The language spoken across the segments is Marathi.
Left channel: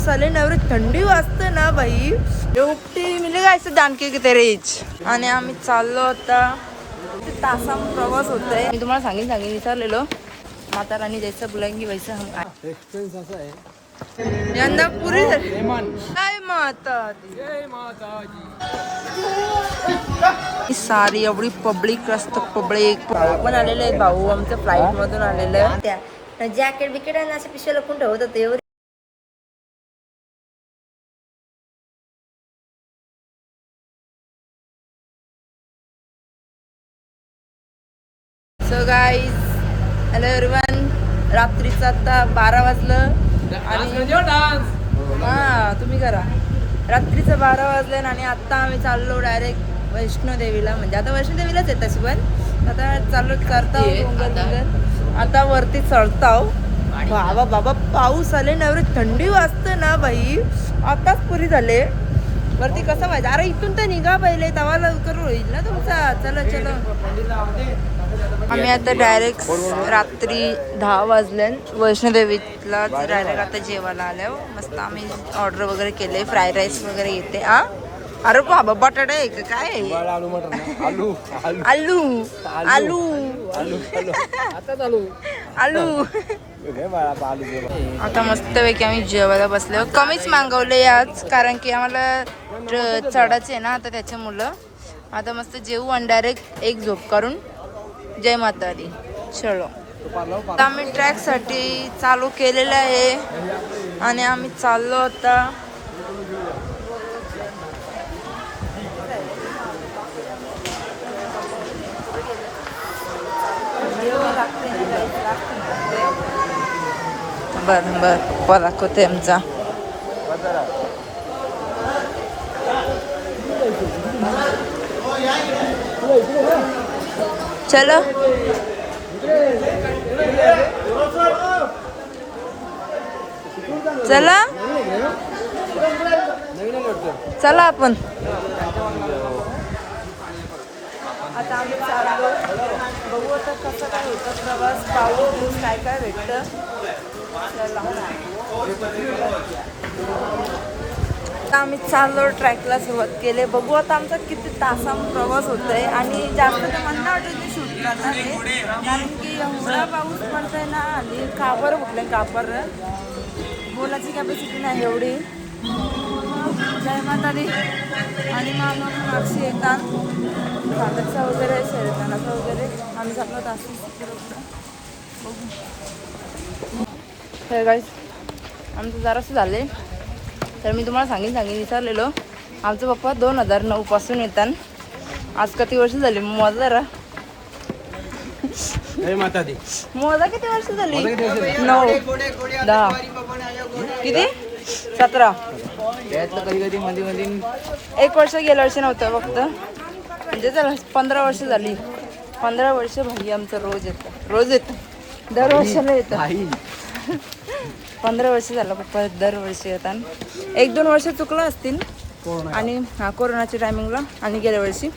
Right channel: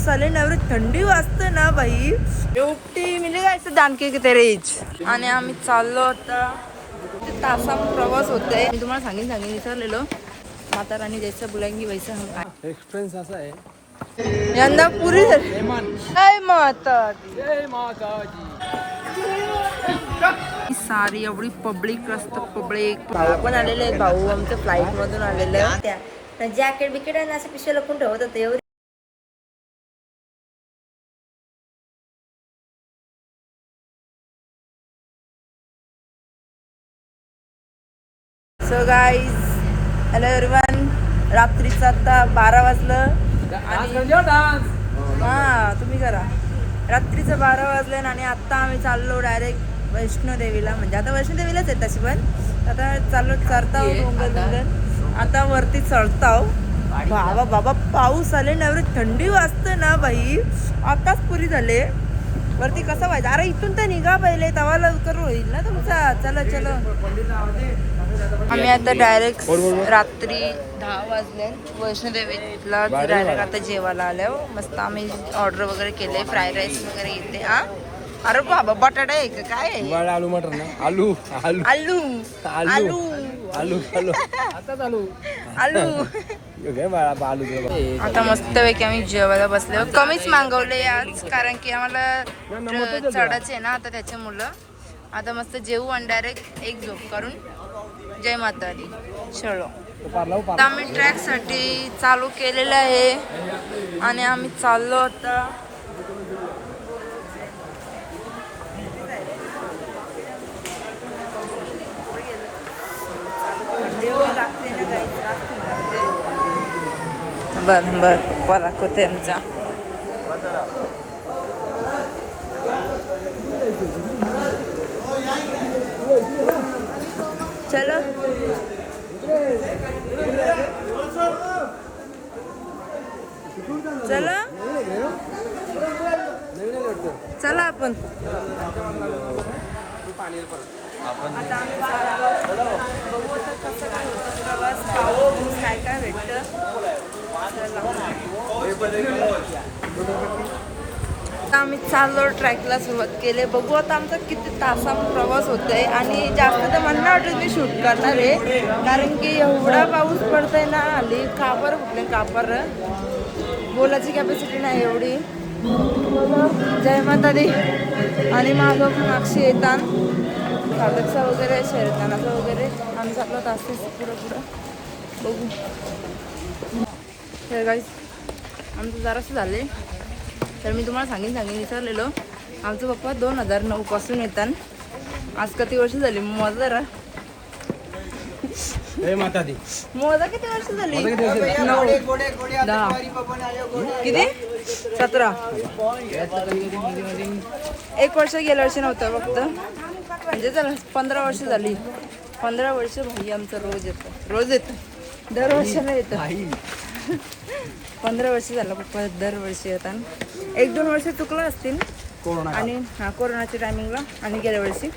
साले नवरे थंडी वाजते ना बाई एवढी मिली काय जानके की तेरे इच आणि आम्ही चाललो आता तासा प्रवास होतोय मी तुम्हाला सांगेन विचारलेलो माता रानी जैसे बुलाएंगी वैसे हम एक्सपिरियन्स असा आहे यंदा पुरी काय माता सारी एवढी पब्लिक असतं पब्लिक भाऊ पण आलेले आहेत भाऊ आमच्या फ्लाईट मधून आलेले आहे जॅकेट बिकेट आणि असं पिशव्या लपून ठेवत होते एवढी सो गाईज हॅलो एव्हरीवन रात्रीचं आता 12 वाजलं हा तुम्ही करा रात्रीचं 12 वाजले आणि आता आम्ही चाललो डायरेक्ट वैष्णोदेवीला म्हणजे आता वैष्णोदेवीलाच आहे तशी पण आता चाललो चढताव डोंगर आता वरती चढताव बाबा बाबा पाऊस आले ना एवढी थंडी वाजते ना बाई आताच पुरी झाले वरती कसं व्हायचं अरे इथून तर निघा पहिले तवा लवकर होईल ना तुमचा चलो चलो आम्ही आता डायरेक्ट रात्री 10 वाजले वैष्णोदेवीला डायरेक्ट आता जेवायला आलो मस्त आम्ही ऑर्डर वगैरे केले फ्राईड राईस वगैरे येते हा अरे बाबा बटाटा आहे का काय आलू आलू आलू आलू आता मस्तपैकी आम्ही जेवायला बसलो कमीच मागवले आज कारण की आम्हाला चढायचे ना आता त्याच्यामुळं आता मस्त जेवू आणि डायरेक्ट एक झोप करून जय माता दी चलो आम्ही ट्रॅकसाठी चालू केलेलं आहे आणि आम्ही चाललो आता बर बर पप्पा दाखवते आमचा चलो चला चला आपण आता आम्ही बघू आता कसं काय होतं प्रवास पाहू काय काय भेटतं आता आम्ही चाललो ट्रॅकला सुरुवात केली बघू आता आमचा किती तासा प्रवास होतोय आणि जास्त तर मला नाही वाटत मी शूट करणार आहे कारण की एवढा पाऊस पडतोय ना हल्ली कापर फुटले कापर बोलायची कॅपॅसिटी नाही एवढी जय माता दी आणि मागं मागशी येतात सागरचा वगैरे शैतानाचा वगैरे आम्ही चाललो तास पुढं बघू हे गाईस आमचं जरासं झाले तर मी तुम्हाला सांगेन विचारलेलो आमचे पप्पा 2009 पासून येतात आज किती वर्ष झाली मोजा जरा मोजा किती वर्ष झाली 9 10 किती 17 एक वर्ष गेल्या वर्षी नव्हतं फक्त म्हणजे चला 15 वर्ष झाली 15 वर्ष भाई आमचं रोज येतं दरवर्षाला येतं 15 वर्ष झालं पप्पा दरवर्षी येतात 1-2 वर्ष चुकलं असतील आणि हा कोरोनाच्या टायमिंगला आणि गेल्या वर्षी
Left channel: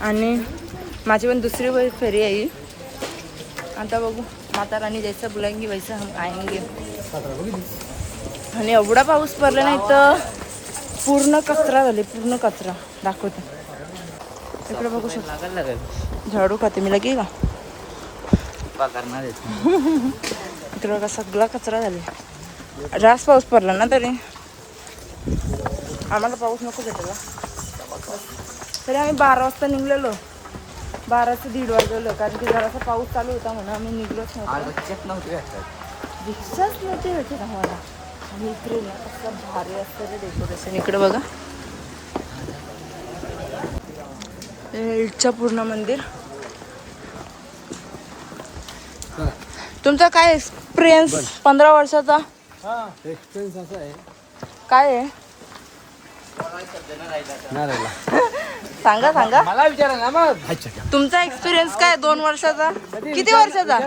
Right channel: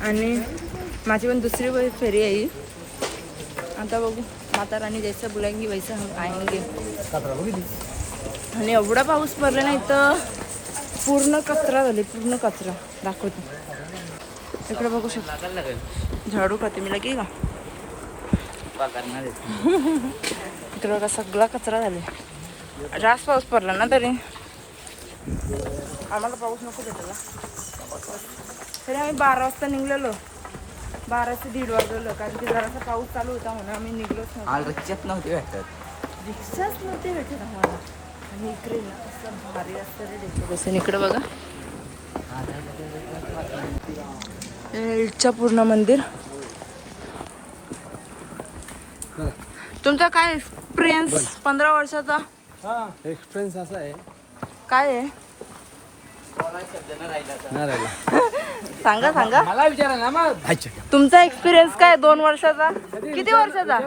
आणि माझी पण दुसरी फेरी आहे आता बघू माता रानी जैसे बुलाएंगी वैसे हम आएंगे आणि एवढा पाऊस पडला नाही तर पूर्ण कचरा झाले पूर्ण कचरा दाखवतो इकडे बघू शकतो झाडू खाते मी लगे का इकडे बघा सगळा कचरा झाले जास्त पाऊस पडला ना तरी आम्हाला पाऊस नको घेतला तरी आम्ही 12 वाजता निघलेलो 12 ते 1:30 वाजलेलो कारण की जरासा पाऊस चालू होता म्हणून आम्ही निघलोच नव्हतो रिक्षाच नव्हती भेटत आम्हाला आणि इकडे ना कसं भारी असतं रे डेकोरेशन इकडे बघा इच्छापूर्ण मंदिर तुमचा काय एक्सपिरियन्स 15 वर्षाचा एक्सपिरियन्स असा आहे काय आहे सांगा सांगा मला विचारा ना मग तुमचा एक्सपिरियन्स काय 2 वर्षाचा किती वर्षाचा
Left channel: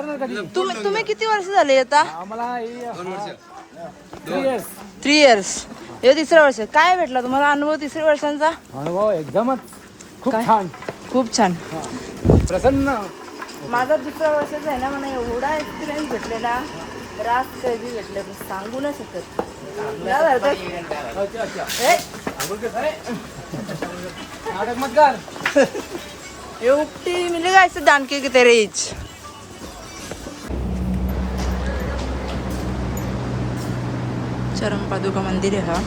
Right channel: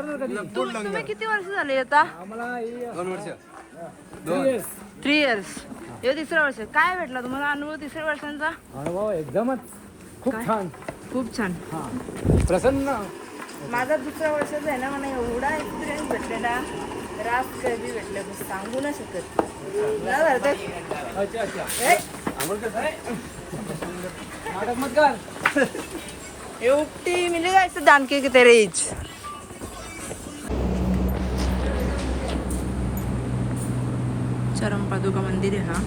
तुम्ही किती वर्ष झाले आता आम्हाला 3 इयर्स हे 3रं वर्ष काय भेटला तुम्हाला अनुभव 3 वर्षांचा अनुभव एकदमच खूप छान प्रसन्न माझा 2रं वर्षाचा आहे ना मला एवढा एक्सपिरियन्स भेटलेला रास कधी भेटले पण सांगू नाही शकत. ना धरतात. अच्छा अच्छा ए, नाटक मत कर. ये उपटी मिली का ऐसे जानके की तेरे इच. चरमपादुका मंदिर आहे हा.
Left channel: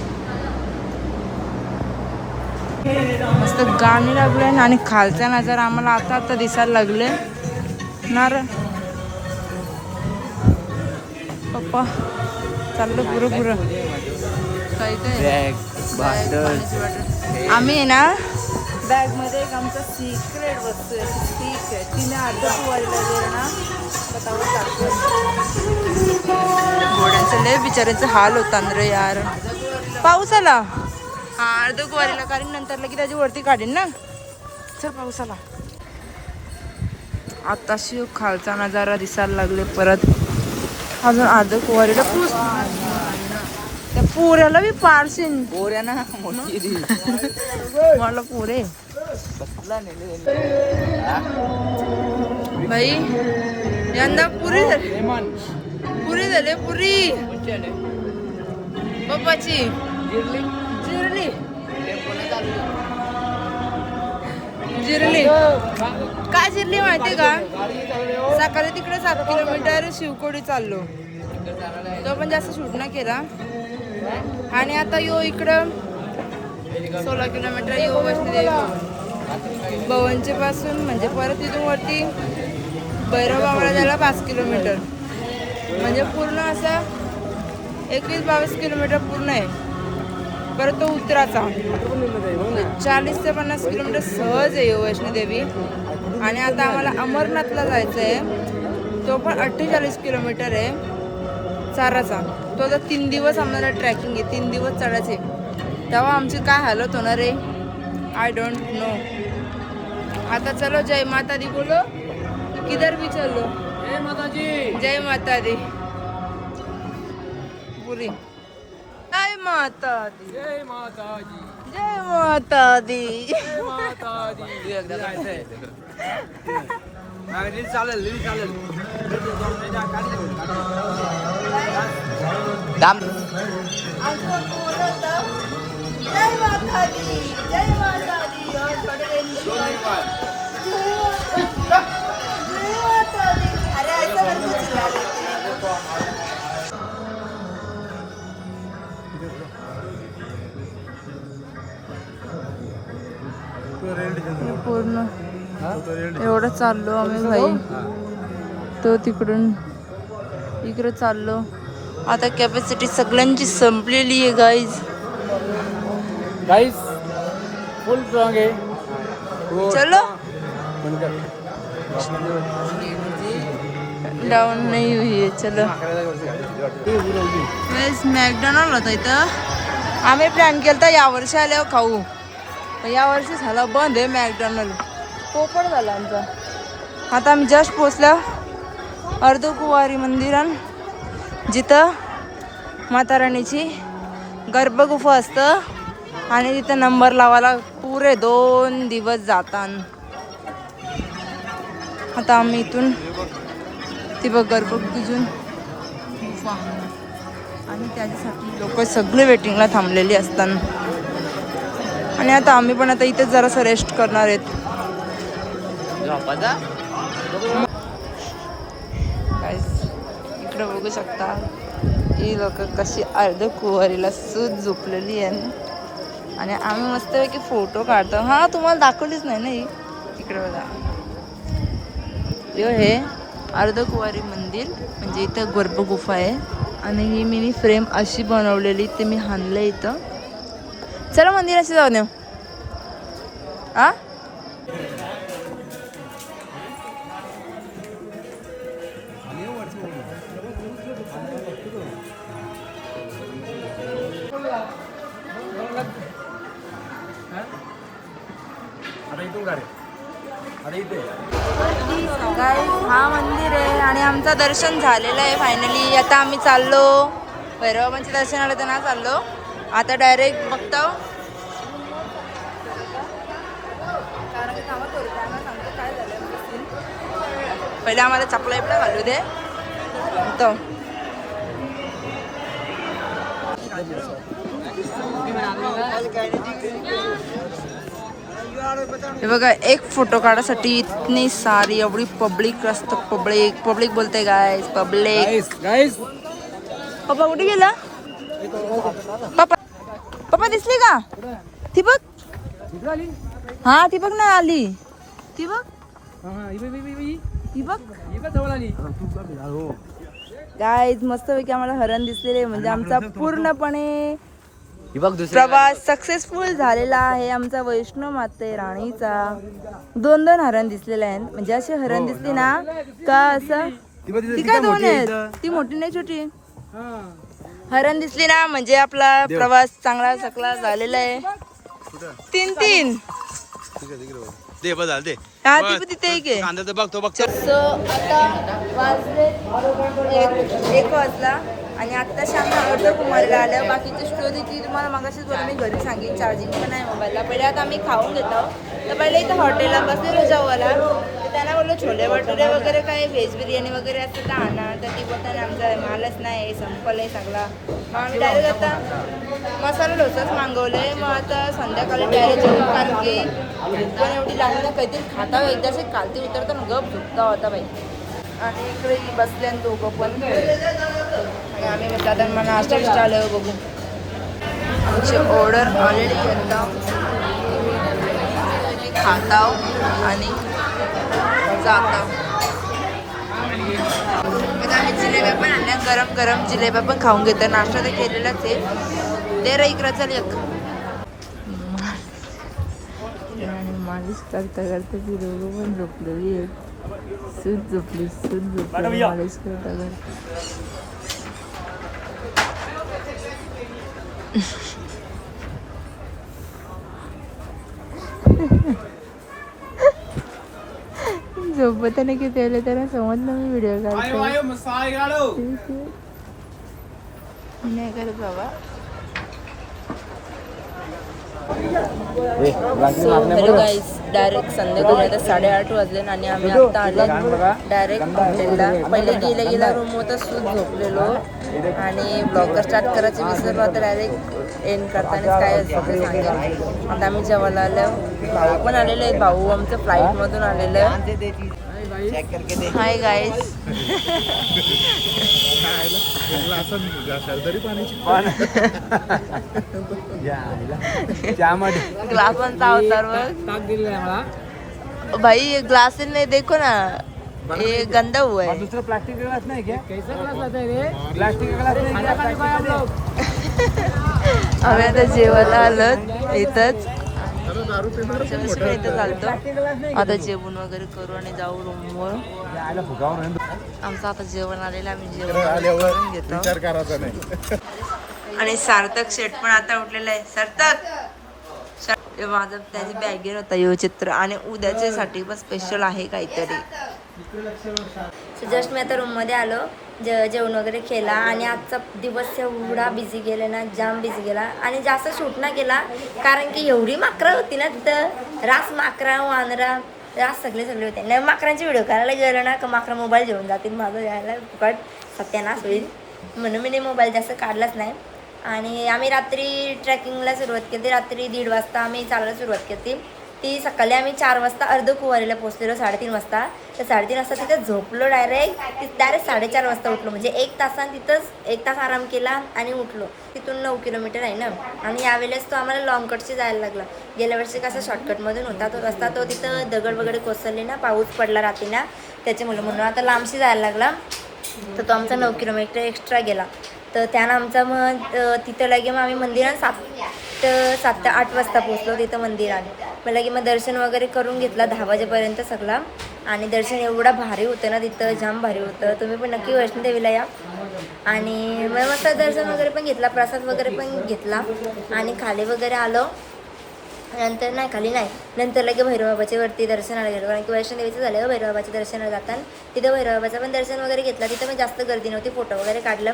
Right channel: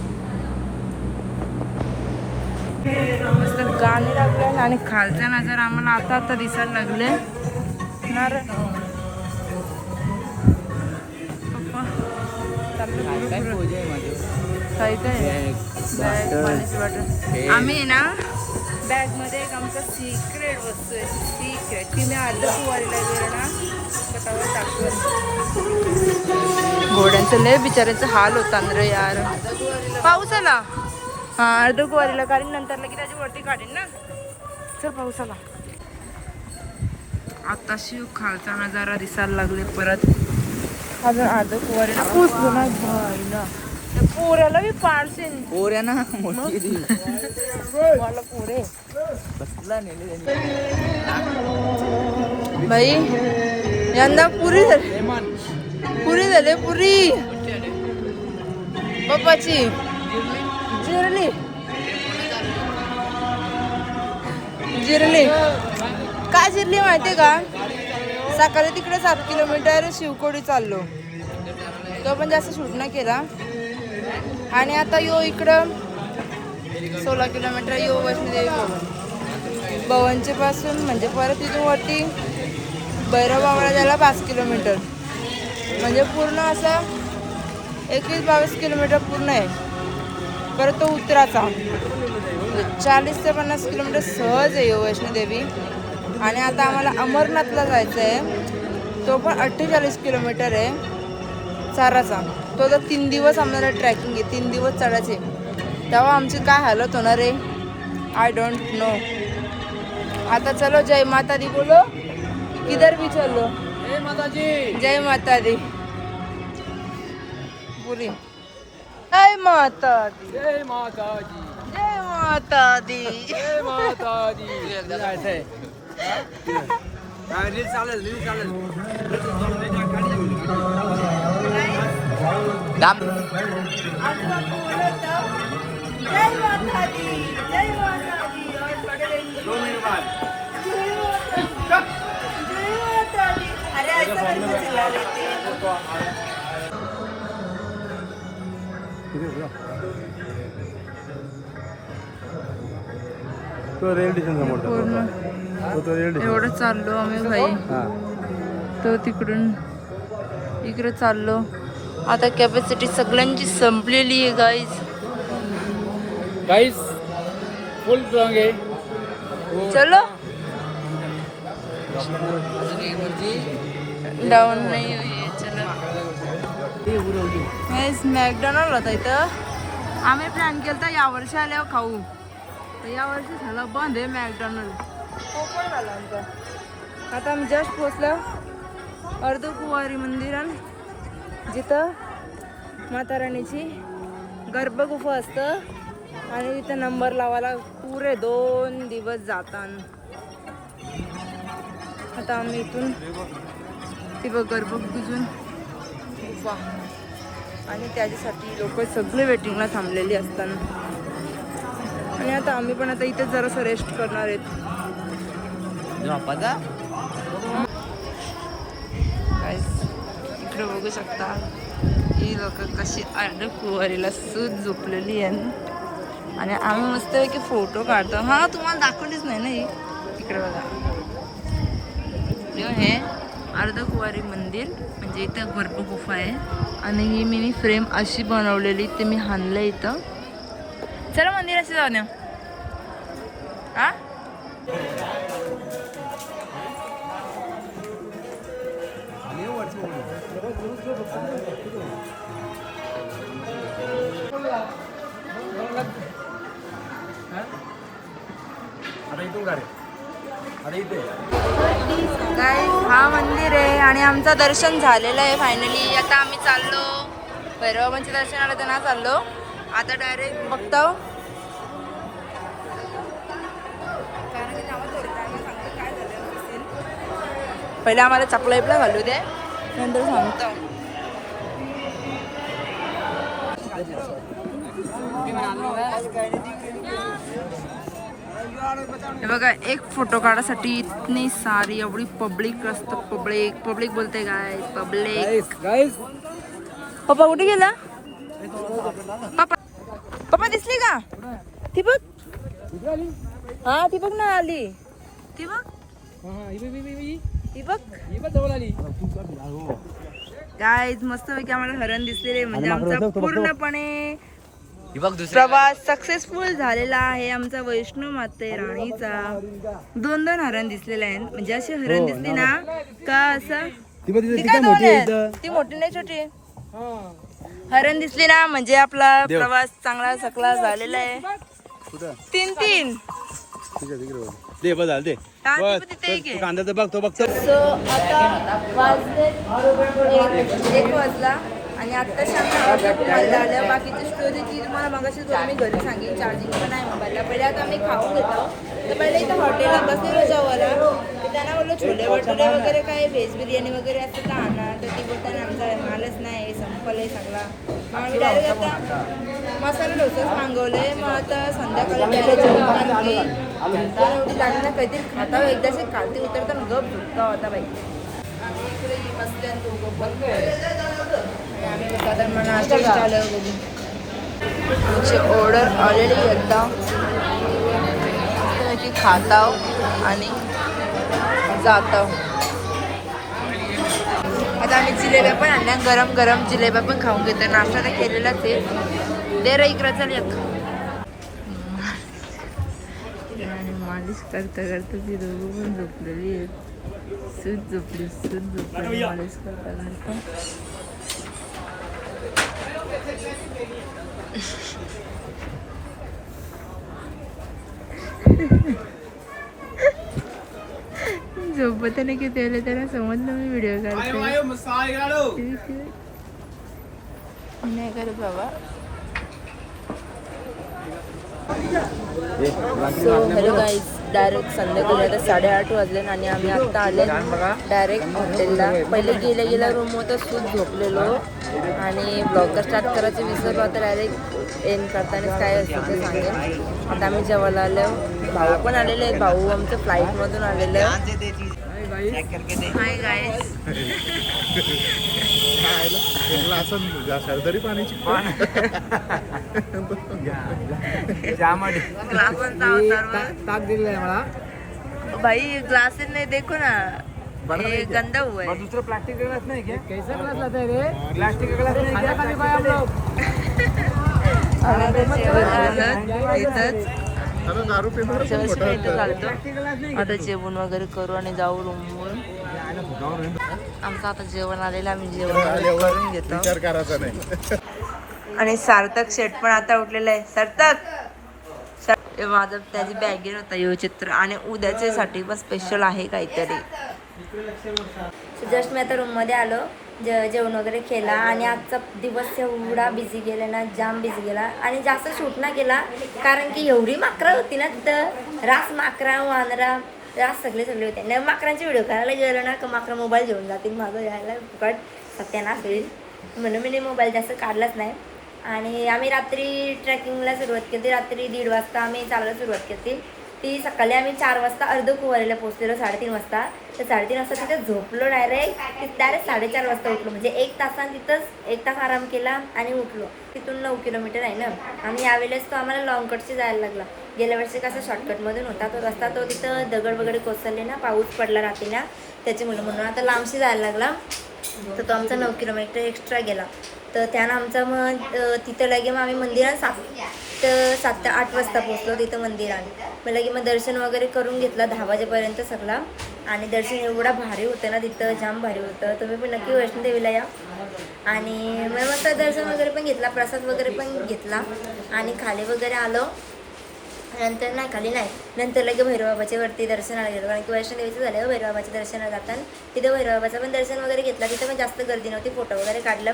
मस्त गाणी लागले आणि खालचा नजारा आम्हाला आता आता दिसायला लागले ना रे पप्पा. चाललं पुरं पुरं काय काय बॅग पाण्याची बॉटल. आम्ही आहे ना बॅगमध्ये एक आमचा सिक्रेट वस्तू आहे. सिक्रेट ती मी अर्ध कुवारीला गेलं ना स्वतःवर टाकलं. घोड्यांचं लय बिचाऱ्यांचं हाल होता रे यार. पाऊस आला. हा अर्ध कुवारीला कारण नंतर लगे त्याची वरती काढीन ना. चल पाऊस आला. आताशी खालचा नजारा दिसायला लागले परत. अजून अर्ध कुवारीला पोचलो ना. त्या पुऱ्याला मी पारशीन पोऱ्या ना मला पुरे भाई यंदा पुरी झाली. पुरी झाली पुरी पप्पाची जिरली जिरली. काय जिरली माहितीये का? सकाळी तिकडे 7 किलोमीटर शिवकोडी चाललो. तो पण जास्त शूट नाही केला. आणि आता यो इकडं 16 किलोमीटर यो वैष्णोदेवी भवन. भवनचे पासून म्हणजे परत तिथून वरती भैरवबाबाला जायला 5 किलोमीटर. म्हणजे पूर्ण असं 21-22 किलोमीटर पूर्ण आहे. परत तो उतराचा 40 ते 50 किलोमीटर सहज आहे यो वैष्णोदेवी. आणि आता आम्हाला अमरनाथला जायचं आहे. तो पण 48 किलोमीटर आहे चाराचा. तो तर 3 दिवस आम्हाला ट्रॅकिंग आहे. 3 दिवस चढायचे. तेव्हा आमची काय हालत होणार आहे आय डोंट नो. आता चलो जय माता दी बोलो. इधर भी चलो जय माताजी. जय माता दी पुरी. जय माता दी. जय माताजी. जय माता दी. जय माताजी. चालेल आमचं बोलत जय माता दी जय माता दी. और थोडे जय माता दी. अरे ऐसा मेरे को चिल्ला लेते हैं. पूर्ण एवढं चाललो आम्ही भाई. तो तिकडून इकडे चाललो. आता कॅपॅसिटी सगळ्यांची संपलेली आहे गाईज. गाइस फुल स्ट्रॉंग है. चलो डाऊन नाही हुई है. चलो मॅकडॉनल्ड होता इथं. आम्ही प्लॅन केला यावर्षी आल्यावर खाऊ. पण यावर्षी झाला बंद आहे मॅकडॉनल्ड. पोपट झाला आमचा. आता आम्ही जस्ट पोचलो अर्धकुवारी मंदिरान जिथं माता राणीची गर्भगुफा असतं. आणि तिथं नंबर लावायला पुरे 2 दिवस जातात. आता आम्ही इथून ती बघ गर्भगुफेतून गुफा. आणि त्याच्यासाठी लोक सगळे वेटिंगला थांबलेली असतात. आणि आता आम्ही पण आता इथेच जरासं रेस्ट करणार आहेत. इकडे बघू शकता ही लोक कशी अर्ध कुवारीला सूज झोपलेली आहे. आणि आम्ही मस्तपैकी फोटो काढतो. हा तुम्हाला दाखवलीच नाही ना ही. इकडे बघा हे अर्धकुवारी मंदिर म्हणजे इथं गर्भगुफा आहे. आणि ही मिनी फ्रेम अशी बनवलेली ते मी हाणलं इथं. चला मंदिराशी जाऊ द्या. आ काय हा मंदिर आहे. आणि आमचं दर्शन झालेलं आहे फायनली. आता आम्ही चाललो भैरवाबांचे दर्शनाला तर ना चाललो. आता डायरेक्ट बघतो. काय झालं पहिले आम्हाला चपला बिपला घालू दे नंतर सांगतो. हे बघा एक फोटो काढायसाठी इतनी सारी एवढी पब्लिक असतं. पब्लिक बोलते गायस पब्लिक. गाइस पप्पा कुठे गेला? पप्पा दिसली का? ती बघ. हा ती बघ ना आली. ती बघ. ती बघ. गाईज मस्तपैकी आम्हाला हरण दिसलेले म्हणजे आमचा पूर्णपणे प्रवास सक्सेसफुल झालेला आहे. आमचा वैष्णो माते राणीचा 2 हरण दिसलेले आहेत. म्हणजे अशी हरण दिसली ना का असं ती काय 2 आहेत ती मोठी नाही छोटी आहे. हरण दिसली ना म्हणजे आपला प्रवास चांगला सकला झालेला आहे. 3 दे बस झालं ते हा ती पण तिथे एक आहे. कांदा ते बघतो बघ सो आता वाजले 1 वाजला आणि आत्ताशी आम्ही अर्ध कुमारीला आलं. बाकीची स्टोरी ती तुम्हाला मगाशीच बोलून मी घरी सांगेन. चार्जिंग पण आहे मोबाईलला. पहिले आता आम्ही खाऊन घेतो. तर पहिले इथं हॉटेलला बसलेलो जेवायला. तर त्यांना बोललो छोले भटुरे वगैरे काय व्हेज बिर्याणी वगैरे असतं तर आणा. तर ती बोलताना आमचा मालच नाही संपलं आहे सगळा. मग आम्ही डायरेक्ट आता मसाला डोसाच मागवलं. मग आता संध्याकाळी डायरेक्ट जेवण कारण की पण एवढी लागली ना काहीतरी खाता एकदाशी खालती उतरताना गप झुकता होता बाई. आणि इकडे बसले आणि तो पण आणि आम्ही म्हटलं आता मला नाश्ता विष्ट आलं बघू. आमची ऑर्डर आलेली एकदा खाताव आणि जाताव. आता आम्ही जिलेब्या पण आणल्या. गरम गरम जिलेब्या पण खाऊन घेतो. नाश्ता तर केलेलाच आहे. दे रे इकडं चल एक. आणि मालिश करता करता ती दोघं पण झोपलेली आहेत. सूट झोपली मालिश करता करता. झोपताना की त्यांना समजलं मी व्हिडिओ काढते. नाही करत बाबा. सो हॅलो गाईज डायरेक्ट संध्याकाळी आता 8:30 वाजले आणि आम्ही आत्ता आले डायरेक्ट हॉटेलला. पहिले गेल्या रूम होतं सूत झोपलेलो आणि ब्लॉग स्टार्ट करायचे विसरलो. आता डायरेक्ट एंड करतानाच काय असतं ते सांगेन. आता आम्ही जेवायला आलो. भाऊ पण आलेले आहेत. भाऊ आमचं फ्लाईटमधून आलेलं आहे. Hi guys. ग्लास पण चावतात ताक दिलेलं आहे मला. भाई ग्लास नहीं देखो ना ये गंदा हुआ है. दूसरा प्लास्टिक का ग्लास नहीं क्या? कैसा ग्लास लाता है रे? प्लास्टिक का ग्लास नहीं. खाना खाने को आए हम लोग. आम्ही आता जेवण आलं इथंच. इथं चालतो. आता जेवण वगैरे करू आणि जाऊ रूमवर. आमचं आता जेवण आलेलं आम्ही जेवण करून घेतो. विचार करायचा नाही. आणि सार्थक शेट पण आता उठलेला आहे. सार्थक माझं त्याची बॅगेन होता यो चित्र आणि उद्याच्या साठी पण स्पेशल आहे काहीतरी. जस्ट मी आता रूममध्ये आलो. जेवण वगैरे केला आणि आजचा दिवस एवढा बिझी गेला ना जाम बिझी गेला आणि जास्त शूट ना केला कारण की एवढी माकरं होती ना तिथं. रास माकरा वानरा रास सगळे होते. नाही माकरांची व्हिडिओ करायला गेलं ना का माकरा मोबाईल घेऊन जातील. माझं यायला फुकट सत्यानाश होईल म्हणून मी मोबाईल जास्त काढलाच नाही. आणि आम्ही रात्री ट्रेकिंगला सुरुवात केली. रात्री 1:30 वाजता आम्ही चालायला सुरुवात केली. ती सकाळी आम्ही 4 वाजता अर्धकुवारीला पोहोचलेलो 3:30 वाजता. तर 3:30 वाजता तिथं झोपलो. डायरेक्ट 4:30 वाजता उठलो. म्हणजे 1 तासानं तिथंच 1 तास आराम केला आणि उठलो. तिथून 9 किलोमीटर आहे ना. आणि यावेळेस तो आम्हाला लॉंगकटशी जायला लागला. गेल्या वर्षी कसा शॉर्टकटमधून होता तो रस्ता. तो तिथं दगड वगैरे कोसळले ना पाऊस पडला रात्री ना त्याच्यामुळे म्हणून आता लांबशी जायला लागला. तर तो आमचा 9 किलोमीटर एक्स्ट्रा गेला. तर त्यानं आमचा मग तिथं लगे मग आम्ही मंदिरात 7 ते 8 वाजता पोचलो तिथं मंदिरात. मग लगे मग दर्शन वगैरे करून घेतला 10 वाजेपर्यंत सगळा. आणि दर्शन एवढा भारी होतं ना तिथं जाम भारी होतं. तुम्ही पण नक्की वैष्णोदेवीला या. आणि मग मस्त दर्शन वगैरे पण घेतला. प्रसाद वगैरे पण घेतला आणि खाली वगैरे आलो. नंतर नाही खाली नाही नंतर लगे भैरवबाबाच्या वरती दर्शनाला गेलो कारण की वैष्णोदेवीचं झालं. भैरवबाबाच्या दर्शनाला जाताना तिथं भैरवबाबाचं पण दर्शन वगैरे घेतला. तिथं पण जास्त गर्दी नव्हती. फोटो वगैरे काढलं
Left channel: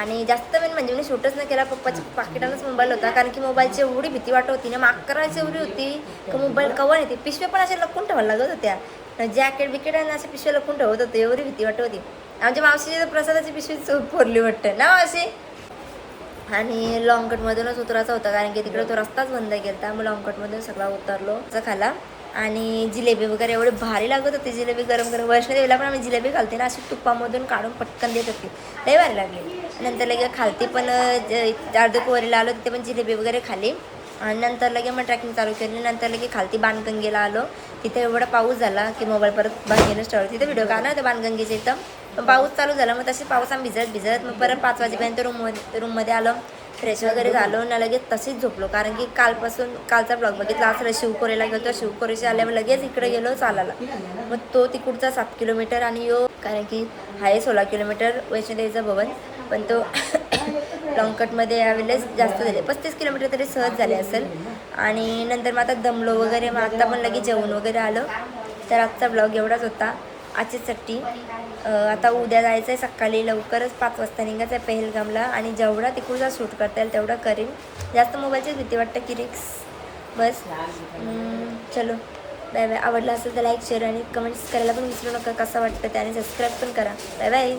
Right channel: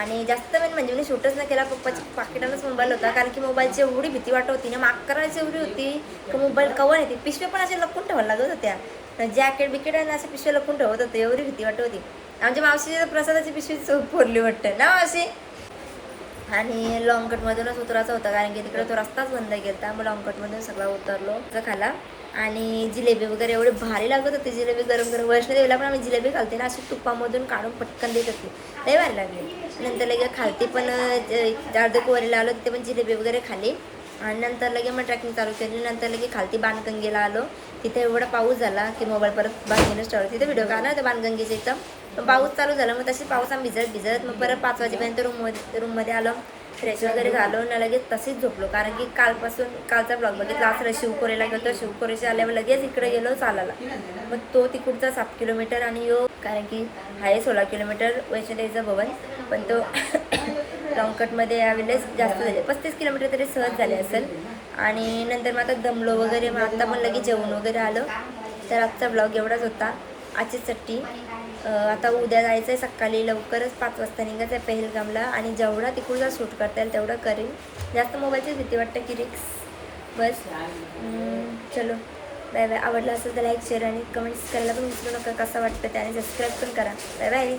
आणि जास्त म्हणजे मी शूटच नाही केला. पप्पाच्या पाकिटानंच मोबाईल होता कारण की मोबाईलची एवढी भीती वाटत होती ना. माकराची एवढी होती की मोबाईल कवर येते. पिशव्या पण अशा लपून ठेवायला लागत होत्या. जॅकेट बिकेट आणि अशा पिशव्या लपून ठेवत होते. एवढी भीती वाटत होती. आमच्या मावशीची प्रसादाची पिशवी फोडली वाटतं ना मावशी. आणि लॉंग कटमधूनच उतरायचा होता कारण की तिकडे तो रस्ताच बंद केला. मग लॉंग कटमधून सगळा उतरलो खाला आणि जिलेबी वगैरे एवढी भारी लागत होती. जिलेबी गरम गरम वैष्णोदेवीला पण आम्ही जिलेबी खालते ना अशी तुपामधून काढून पटकन देत होती. लई भारी लागली. नंतर लगे खालती पण अर्धकुवरीला आलो तिथे पण जिलेबी वगैरे खाली आणि नंतर लगे मग ट्रॅकिंग चालू केली. नंतर लगे खालती बाणगंगेला आलो. तिथे एवढा पाऊस झाला की मोबाईल परत बांधूनच ठेवला. तिथे व्हिडिओ काढला होता बाणगंगेच्या इथं पण पाऊस चालू झाला. मग तसे पाऊस आम्ही भिजत मग परत 5 वाजेपर्यंत रूममध्ये आलो. फ्रेश वगैरे झालो ना लगेच तसेच झोपलो कारण की कालचा ब्लॉग बघितला असं शिवखोरेला गेलो. शिवखोरेशी आल्यावर लगेच इकडे गेलो चालायला. मग तो तिकडचा 7 किलोमीटर आणि कारण की आहे 16 किलोमीटर वैष्णोदेवीचं भवन पण तो लॉंग कटमध्ये यावेळेस जास्त झाले 35 किलोमीटर तरी सहज झाले असेल. आणि नंतर मग आता दमलो वगैरे मग आता पण लगेच जेवण वगैरे आलं. तर आजचा ब्लॉग एवढाच होता. आजची चट्टी आता उद्या जायचं आहे सकाळी लवकरच 5 वाजता निघायचं आहे पहलगामला आणि जेवढा तिकडचा शूट करता येईल तेवढं करेन. जास्त मोबाईलचीच भीती वाटतं की रिक्स बस. चलो बाय बाय. आवडलं असेल तर लाईक शेअर आणि कमेंट्स करायला पण विसरू नका. कसं वाटतं त्याने सबस्क्राईब पण करा. Bye bye.